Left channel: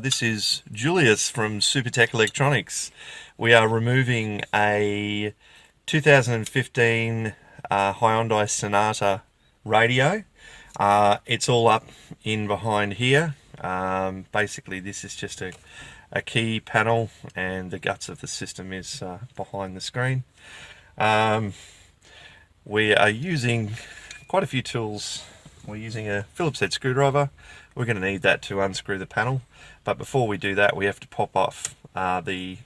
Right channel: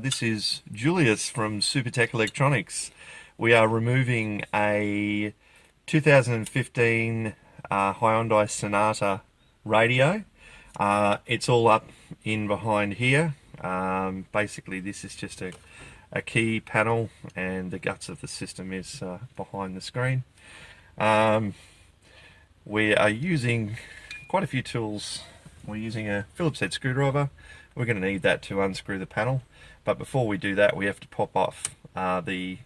This is Julius from Supertech Electronics. We are removing a 2015 Hyundai Sonata radio. It's all up in behind here. Basically this is just a key panel, and the guts of the system is behind the screen. We are using quite a few tools. We're using a Phillips head screwdriver. We're going to need that to unscrew the panel, but before we do that we have to pop off the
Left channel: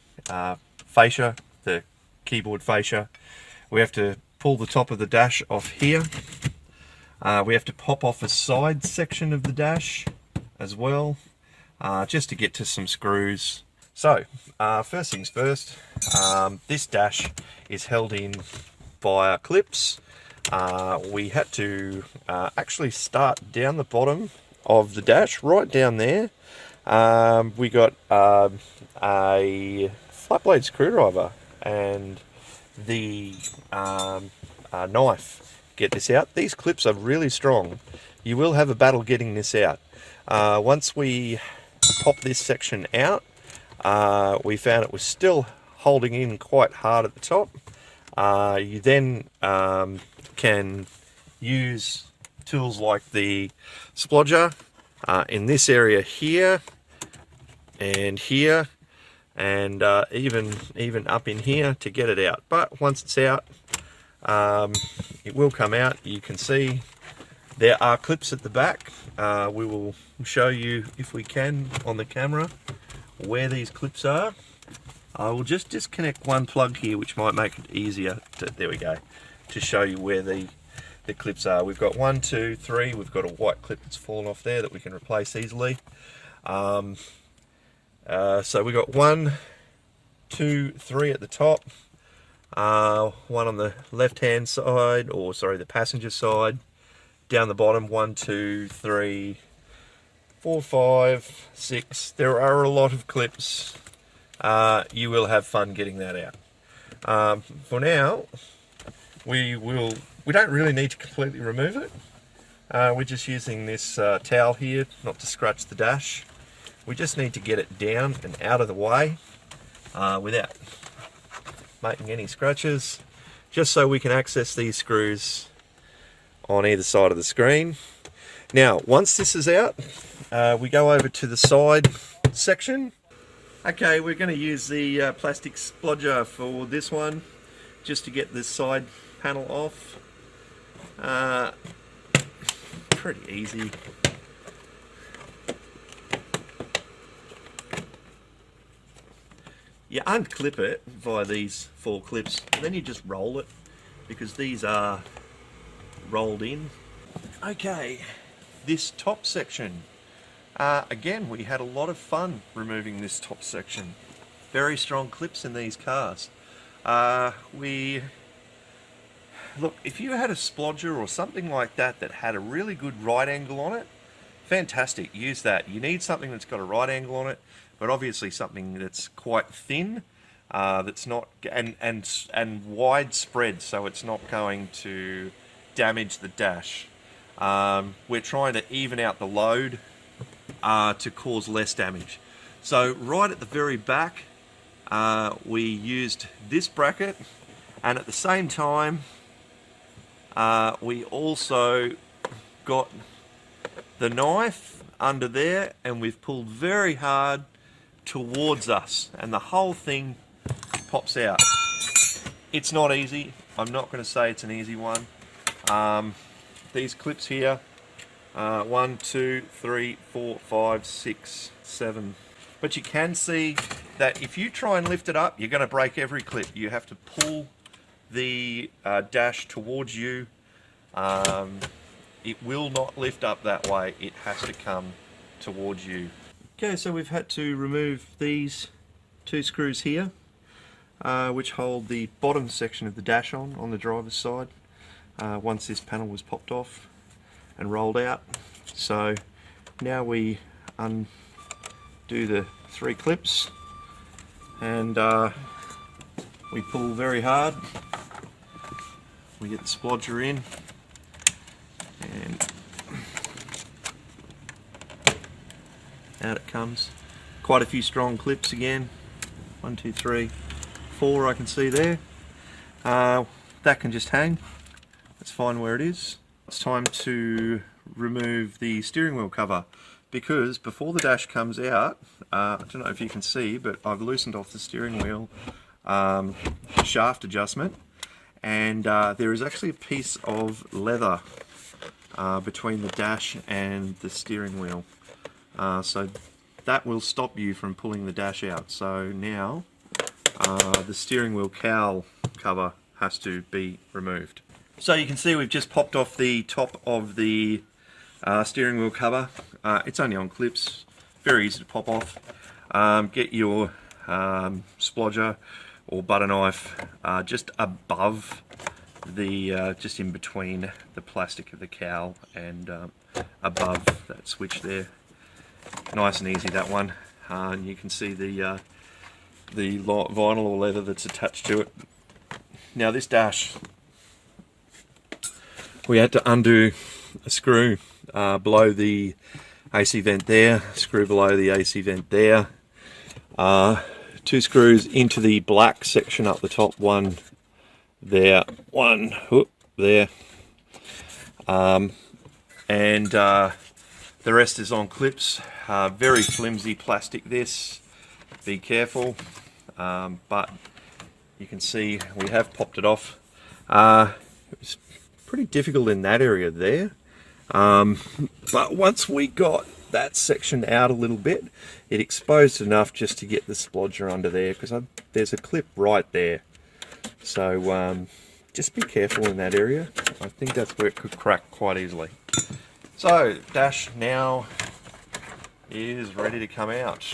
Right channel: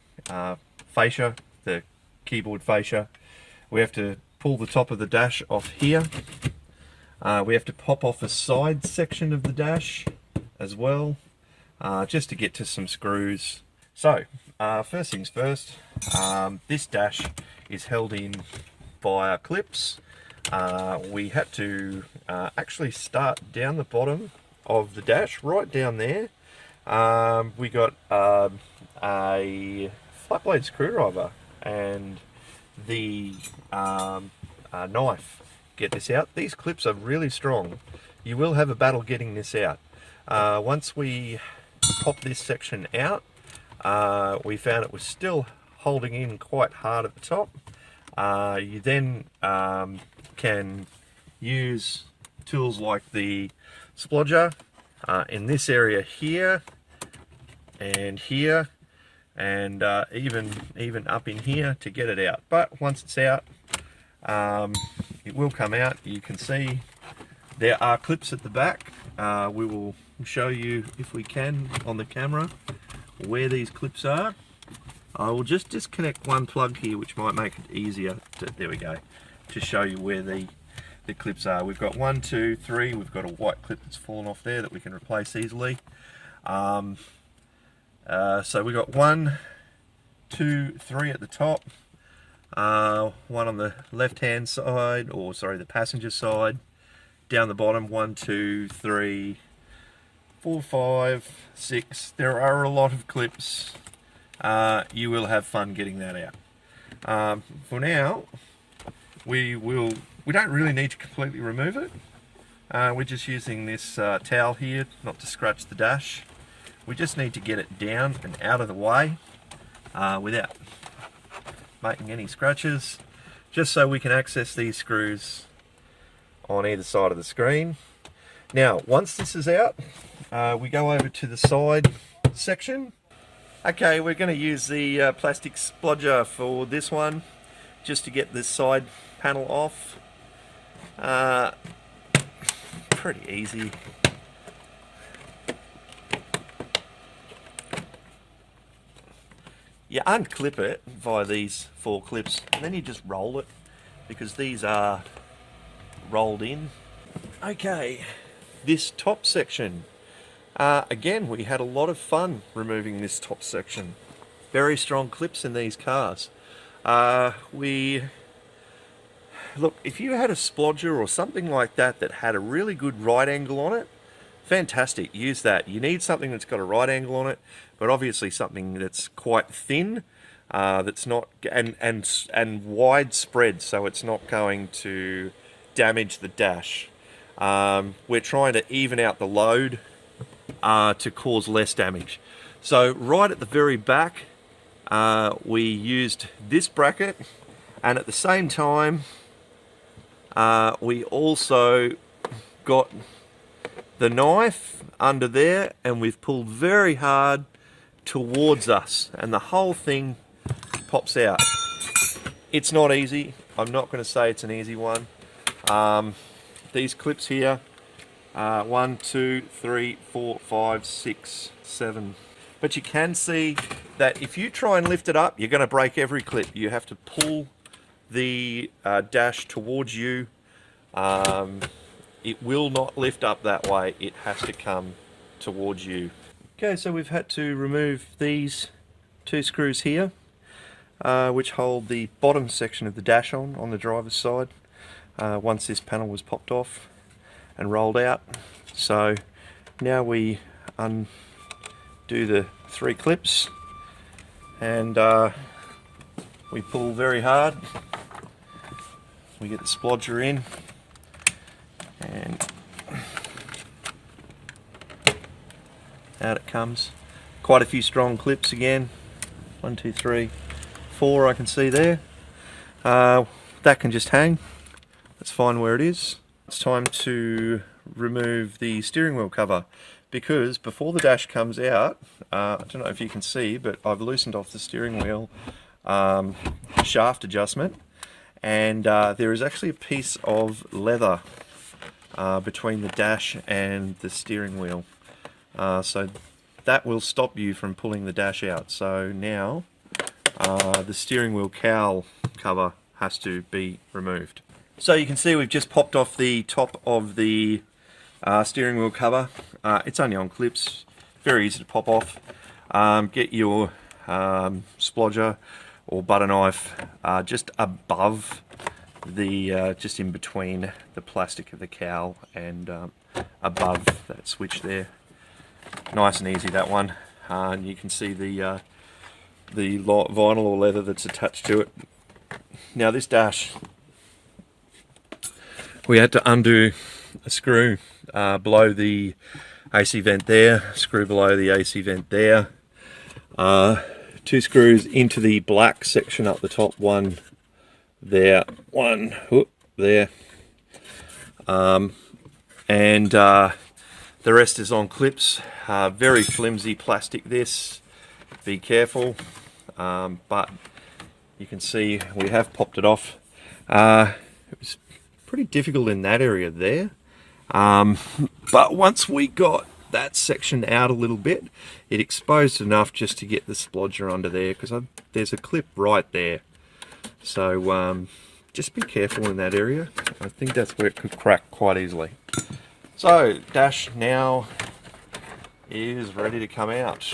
fascia, the keyboard fascia. We have to pull the top of the dash off here. We have to pop off a side section of the dash as well, just to get to some screws. So first things first, this dash is held in via clips. We had to actually start down the bottom of the dash, right down there. We got a flat blade screwdriver and the knife. Get this out. These clips are really strong. You will have a battle getting this out. Once we pop this section out, we found it was still holding in quite hard at the top. You then can use tools like the splodger in this area here and here, and even up in here to get it out. But once it's out, it will come out. You can see there are clips at the back. We will show you, if we can, on the camera where these clips are. I will just disconnect one plug here, which might make it easier there we go, to show you where the clips are. We've got 1, 2, 3. We've got a white clip that's fallen off there that we can replace easily. So we've got 1, 2, 3 at the top. One on the left hand side, or sorry, the passenger side. Down the bottom, 1, 2, 3, 4, 5, 6. There are a lot of clips. You will have fun getting that out. For now, we don't really need to completely remove it. We're just using this towel here not to scratch the dash. We just need to get it down and out of the way without making any scratches, just so we can access these screws on either side of the screen. Now, once this is out, we go over to the side section. Okay, we're going to use the plastic splodger for this one, just to get this side panel off. Pretty easy. You unclip it via these 4 clips, and then you just roll it, because these are rolled in. Okay, this top section. Again, we had a lot of fun removing this top section. Very strong clips in these cars. Look, if you had a splodger or something like that that had a really good right angle on it, fantastic, use that. You need something that's got a right angle on it, but obviously something that's quite thin, that's not and widespread, so it's not going to damage the dash. We're trying to even out the load to cause less damage. So right at the very back, we used this bracket, and at the same time we also got the knife under there, and we've pulled very hard towards us, and the whole thing pops out. It's not easy. I'm not going to say it's an easy one. These clips here, 1, 2, 3, 4, 5, 6, 7. But you can see that if you try and lift it up, you're going to break every clip. You have to pull the dash towards you. It will not lift up that way. It has to come towards you. Okay, so we've had to remove these 2 screws here, which hold the bottom section of the dash on the driver's side, once this panel was popped off and rolled out. So now we undo the 3 clips, and we pull very hard. We get the splodger in, and out it comes. Quite a few strong clips again. 1, 2, 3, 4 I can see there. That can just hang. That's fine where it is. It's time to remove the steering wheel cover, because before the dash comes out, I don't know if you can see, but I've loosened off the steering wheel shaft adjustment, and there is actually a piece of leather between the dash and the steering wheel. So that will stop you from pulling the dash out. So now the steering wheel cowl cover has to be removed. So you can see we've just popped off the top of the steering wheel cover. It's only on clips, very easy to pop off. Get your splodger or butter knife just above the, just in between the plastic of the cowl and above that switch there. Nice and easy, that one. You can see the vinyl or leather that's attached to it. Now this dash, we had to undo a screw below the AC vent there, screw below the AC vent there, 2 screws into the black section up the top, one there, one whoop, there, and the rest is on clips. Very flimsy plastic this, be careful, but you can see we have popped it off. It was pretty difficult in that area there, but once we got that section out a little bit, it exposed enough just to get the splodger under there, because there's a clip right there. So just be careful in that area. I think that's where it could crack quite easily. So dash now is ready to come out,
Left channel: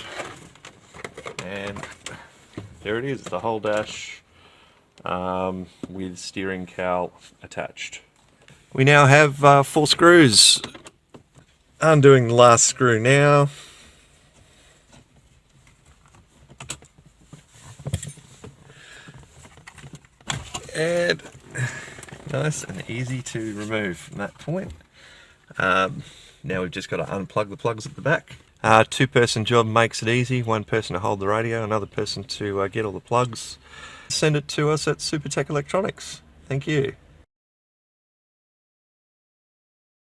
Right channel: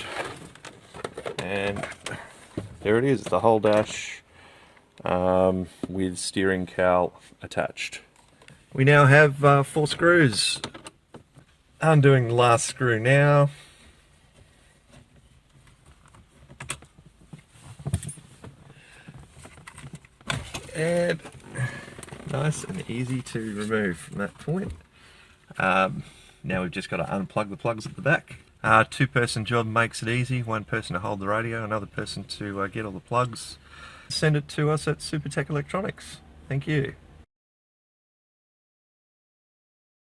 and there it is, the whole dash with steering cowl attached. We now have 4 screws. Undoing the last screw now. And nice and easy to remove from that point. Now we've just got to unplug the plugs at the back. 2-person job makes it easy. 1 person to hold the radio, another person to get all the plugs. Send it to us at Supertech Electronics. Thank you.